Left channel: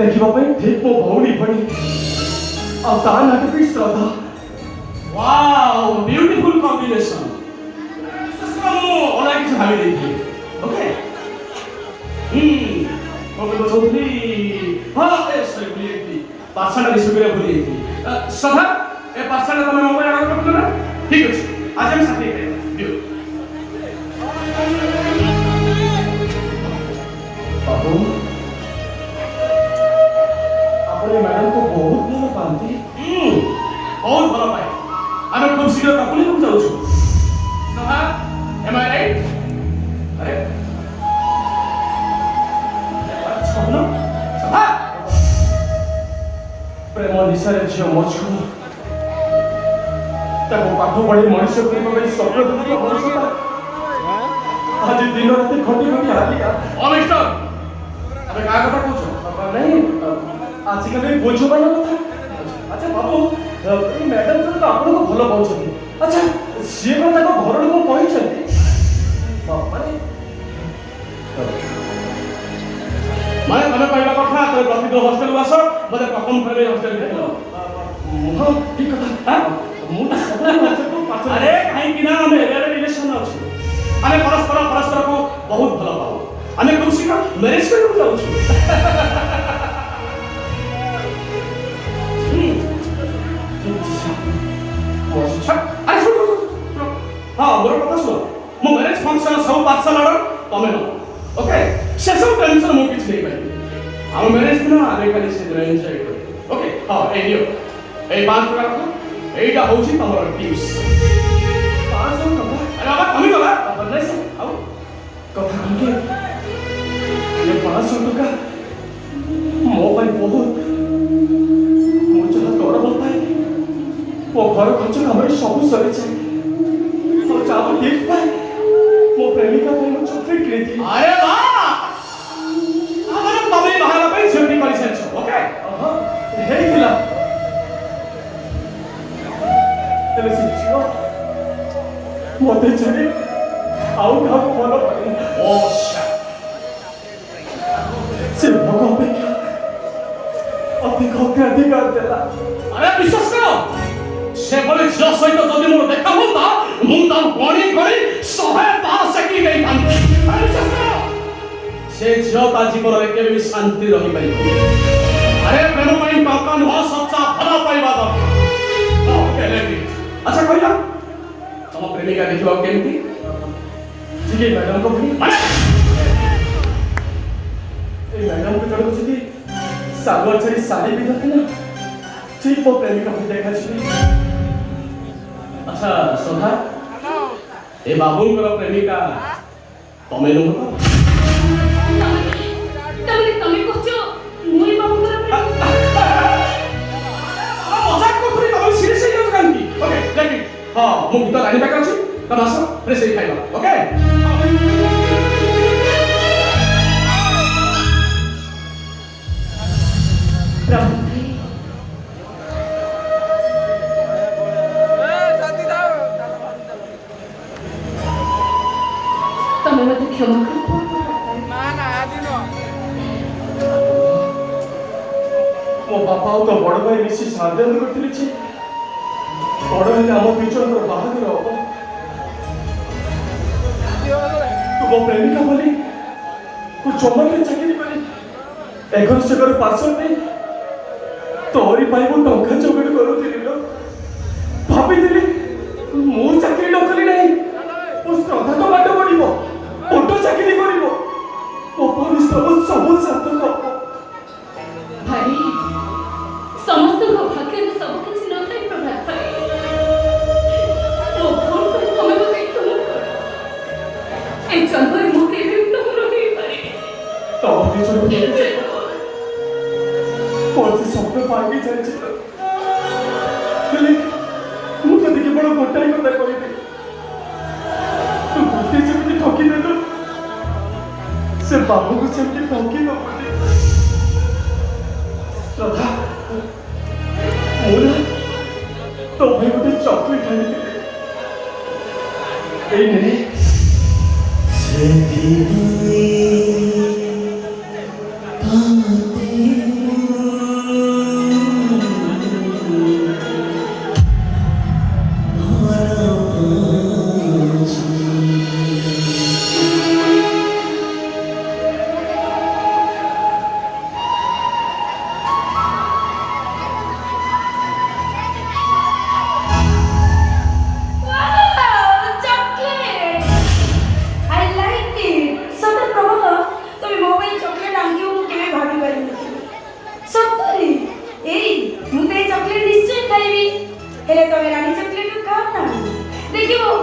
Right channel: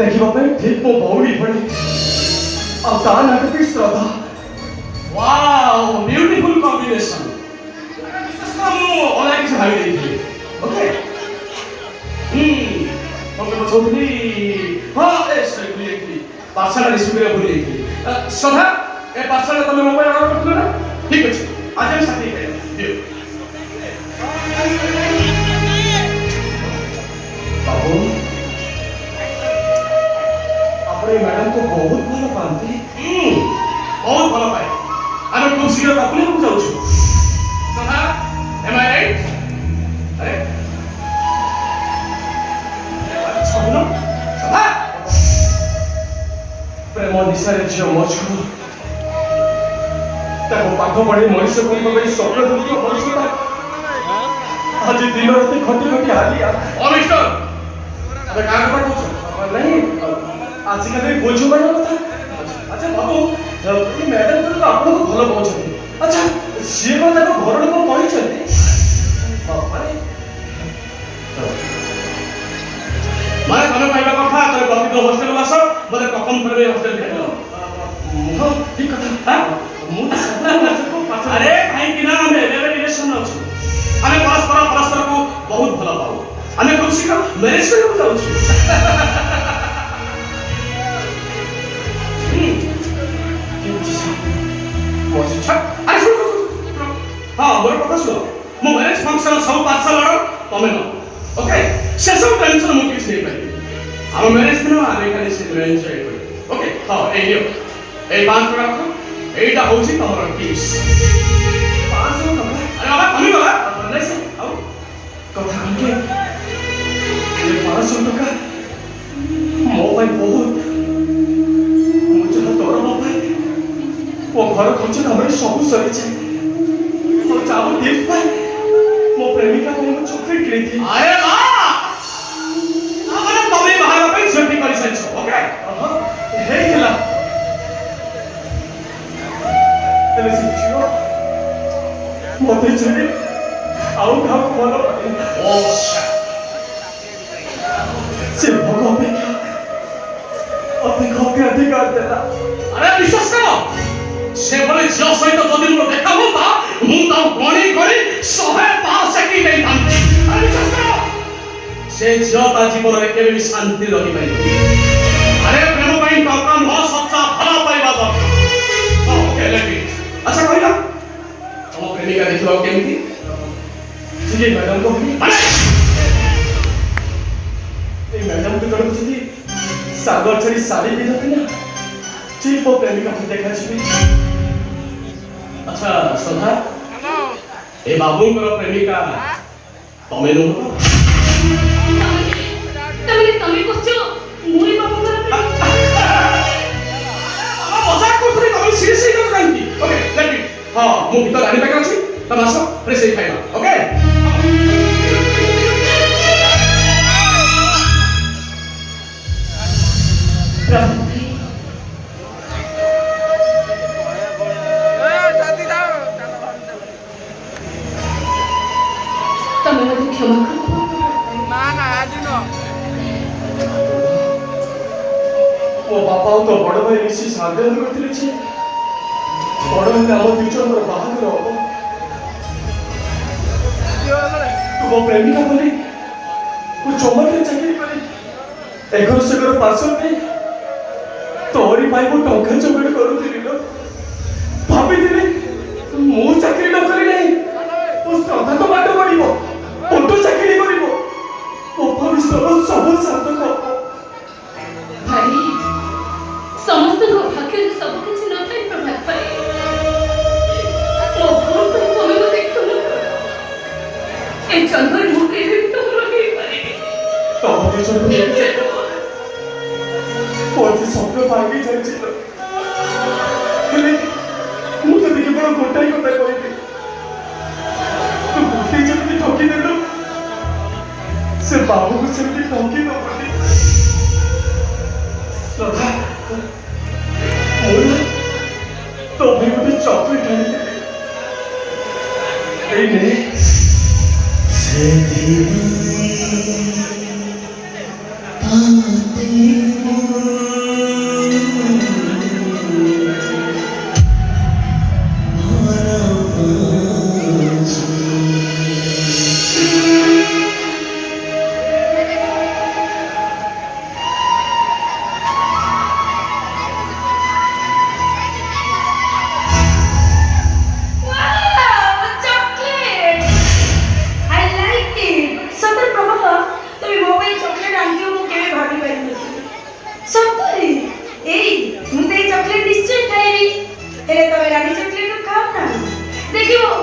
देखिबा पे ठीक मो भौणी भणी अब ता ना भी श्रद्धा वाओ ब्यूटीफुल कॉम्बिनेशन मु ऑनलाइन से भाई देखी ओके तो छोटी हां ए सही बोली थी पाठशाला सुबिरा बोली थी सदा ए पाठशाला तुम मोबाइल ऑर्डर करथलो ना ठीक अछि आज हम साथी करें दियो बाबू अपने मैडम को बहुत भल पाती बहुत भल पाए आमे खूब शीघ्र काकुले को जाउछु सदा एम आई राइट अरे सुनो सदा प्रेम निशारे झियो मजको ताको पाख पढ़ी मनुष्य को कबे स्वप्न दुख मनुष्य आज दिन रात खटी खटी हालिया ओ मिस्टर अबे का କଥା कहछ अपन नहीं आजकल बोझ बन कथा अच्छा बाबू ए मैडम तो आपन को भलो पहुंचते अच्छा से को ताको घर लोक कहिसते माने तमे कहला कथा तमे बाकी हॉस्टल आस मते ककम करबे हॉस्टल भेटलो ठीक कथा अरे कहीं कि ना हमें रिलेशन अछि हमें परस्पर को बहुत भला पाऊ हमें कुछ का मैरिज करके जाउछु हाँ मोर कथा सुन मो मैरिज फंक्शन सब पाठशाला तमे न ओके से सब टेंशन मो किछ नहीं करी हम मैरिज दिन आमे खाली से एंजॉय करू ओके हाँ ए लियो ए 5 टका एटा होची तमर टिप्स 500 टका अरे बाबा कमी गला बनले से आओ कथा हमके ये 500 टका मो भाई बहुत मुझे तो तोरा मो भाई वो घर खर्च हमरे सब सरी छे तो चाबू गिफ्ट पाए मो प्रेमिका को मो चॉकलेट किनी थी अरे वाह हमरे तमे बाहर पे जर्नी करि सछ ओके हे हिला तेरे सिचियो मोते चले आउ का भलो ओ से भगो अपेक्षा अधिकार देला अरे विश्वास करो से बोले जो सहित जदि मोर देखा होता मु ता गणी गणी 105 सेकंड नहीं थांती अरे विश्वास करो से जो ता जीवन रे केबे भी शांति रही पाई अरे प्रेम पाई टका न सच्चा भला पाइबा द ओके लेट इट अच्छा कहला तुम प्रेमिका देखिबा केमती जी मैडम को भी ए मैडम को जोड़ छी सागर छड़ी साड़ी पिंधते ना ठीक वो प्रेमिका को देखा छी अच्छा सदा ए बाबू को प्रेमिका तमे नो तमे कहछो मुई बाबू को प्रेमिका मजाक को तमे सीरियस ही कर कांती ओके लेट इट हां मु भीतर आनी पाके अछि तमे आसो फ्रेश ही खाइबा ओके क्षमा करो वो बापा तो बड़ भाई मिसी साधे करथिले छी बड़ हेले हम दुजन रो बाहागर हो तू वो प्रेमिका बोली तू चमके चाकरी करी एगर से कर पासो नहीं तोरी पाई को टंका चोगड़ करूथिली लो भाबी दिली मो चाकरी न करी नहीं उस श्रद्धा तो बाटो पड़िबो ओटो चाकरी करिबो ओ परिश्रम सब साथ को भाई समस्त को भाग्य में सब कुछ न थे प्रभात भाई तो फोन को तमे को देखो ए जंगल मुके भी तो रही पाए तो भी छोड़ और सब भागी जाय छै हेले मुझे देखि बड़ गोटाई কথা কইবি तू गोटी जल्दी ठोकी दे दो से बाबू को जल्दी ठोकी दो सदा मोर तो भी मुझे चॉकलेट आने ए ने से धीरे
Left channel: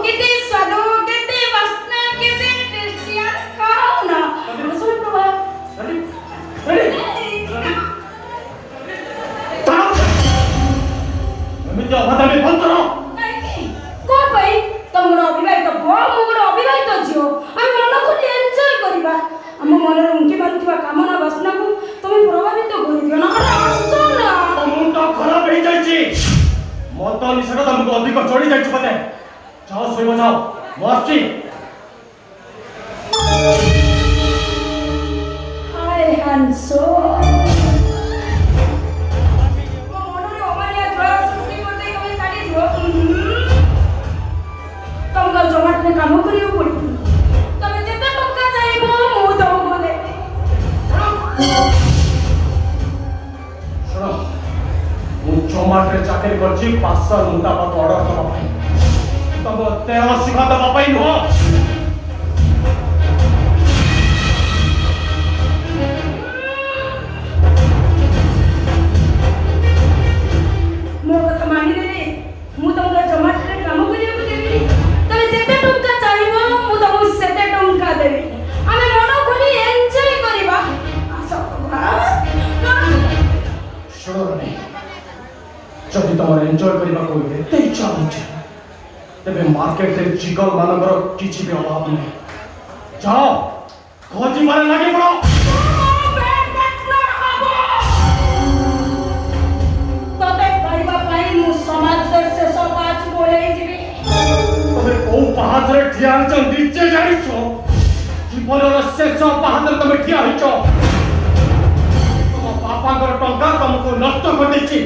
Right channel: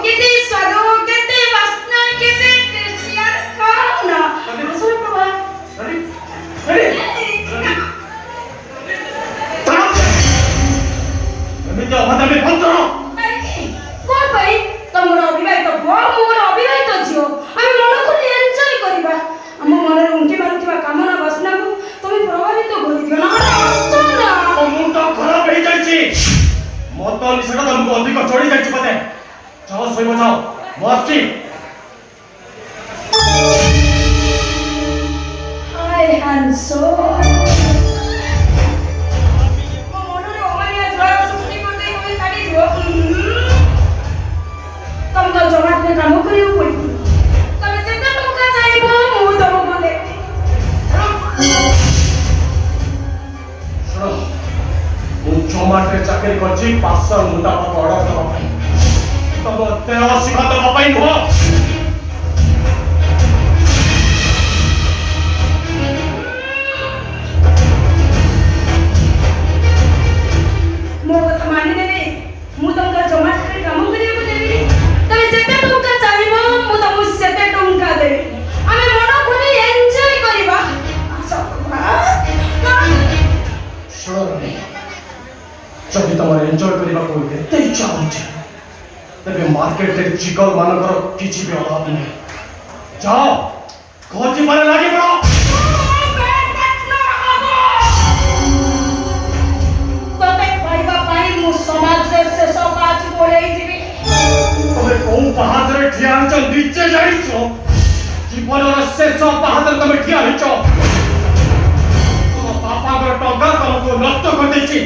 କେତେ ସ୍ୱାଦ କେତେ ବାସ୍ନା କେତେ ଟେଷ୍ଟି আর খাও না আসল প্রভা ଏମିତି ଅଭାଦାମି ବନ୍ଦ କର। কোন ভাই তোমরা অবিবাহিত বড় মোর অবিবাহিত ঝিও আমি মন খুলে এনজয় করিবা ଆମ ମନରେ ଉଙ୍କି ମାରୁଥିବା କାମନା ବାସନାକୁ তুমি ପ୍ରଭାବିତ କରିଦିଅ ନହେଲେ ଆସଛ ନା ମୋ ମୁଣ୍ଡ ଖରାପ ହେଇଯାଇଛି। ମଦ ନିଶାଟା ତମକୁ ଅଧିକ ଚଢି ଯାଇଛି ବୋଧେ। ଯାଅ ଶୋଇବ ଯାଅ, ମୁଁ ଆସୁଛି। হায় হানসো ମୋ ମନରେ ଅମାନିଆ ଝଡ଼ ସୃଷ୍ଟି କରିଦେଇ ତମେ ଛାଡ଼ିଦିଅ ତମକୁ ଜମାଟରେ କାମ କରିବାକୁ ପଡ଼ିବ ତମେ ଯେତେ ଟଙ୍କା ଚାହିଁବ ମୁଁ ତମକୁ ଦେବି ଶୁଣ, ମୁଁ ଜୋମାଟୋରେ ଚାକିରି କରିଛି 500 ମୁତାବକ ଅର୍ଡର ଦେବା ପାଇଁ, ତମ ଦେହ ଶିଖା ଦେବା ପାଇଁ ନୁହଁ। ମୋ କଥା ମାନିଦେବେ ମୁଁ ତମକୁ ଜମାଟରେ କାମ କରିବାକୁ ଦେବି ତମେ ଯେତେ ଟଙ୍କା ଚାହିଁବ ମୁଁ ତମକୁ ସେତେ ଟଙ୍କା ଦେବି ଆମେ ମନ ଖୋଲି ଏନ୍ଜୟ କରିବା ଆସ ଶୁଣ ରେ, ଯଦି ତମର ଏନ୍ଜୟ କରିବାକୁ ଏତେ ଇଚ୍ଛା ହଉଛି ତେବେ ମାର୍କେଟରେ ଚିକନ ମାନଙ୍କର କିଛି ବି ଅଭାବ ନାହିଁ। ଯାଅ ଖୋଜିବାରେ ଲାଗି ପଡ଼। ତତେ ପାଇବା ପାଇଁ ମୁଁ ସମାଜରେ ଶେଷ କାଜ ବୋଲେଇଯିବି ତମେ କୋଉ ପାହାଚରେ ଠିଆ ହେଇଛ ନିଜେ ଜାଣିଛ। ଜୀବନର ଶେଷ ପାହାଚରେ ତମେ ଠିଆ ହେଇଛ। ତମ ବାପାଙ୍କର ଟଙ୍କା ତମକୁ ନଷ୍ଟ କରିଦେଇଛି।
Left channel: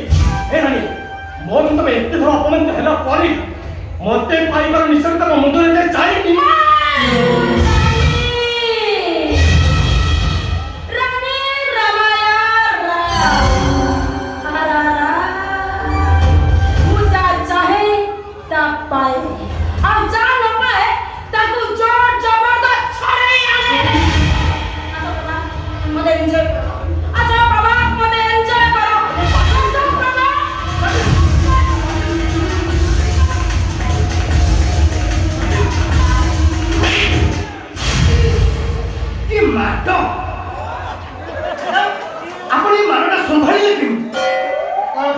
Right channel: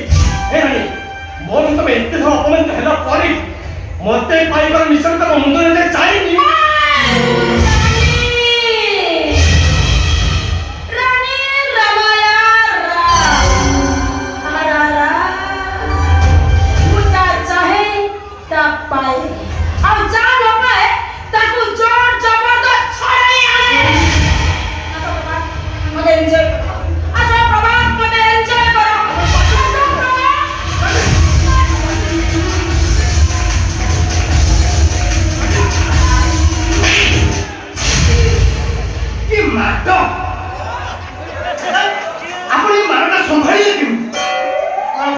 ମୋର ତମେ ଏତେ ଥର ଅପମାନିତ ହେଲା ପରେ ମତେ ପାଇବାର ନିଶ୍ଚୟ ତମ ମୁଣ୍ଡରେ ଯାଇନି।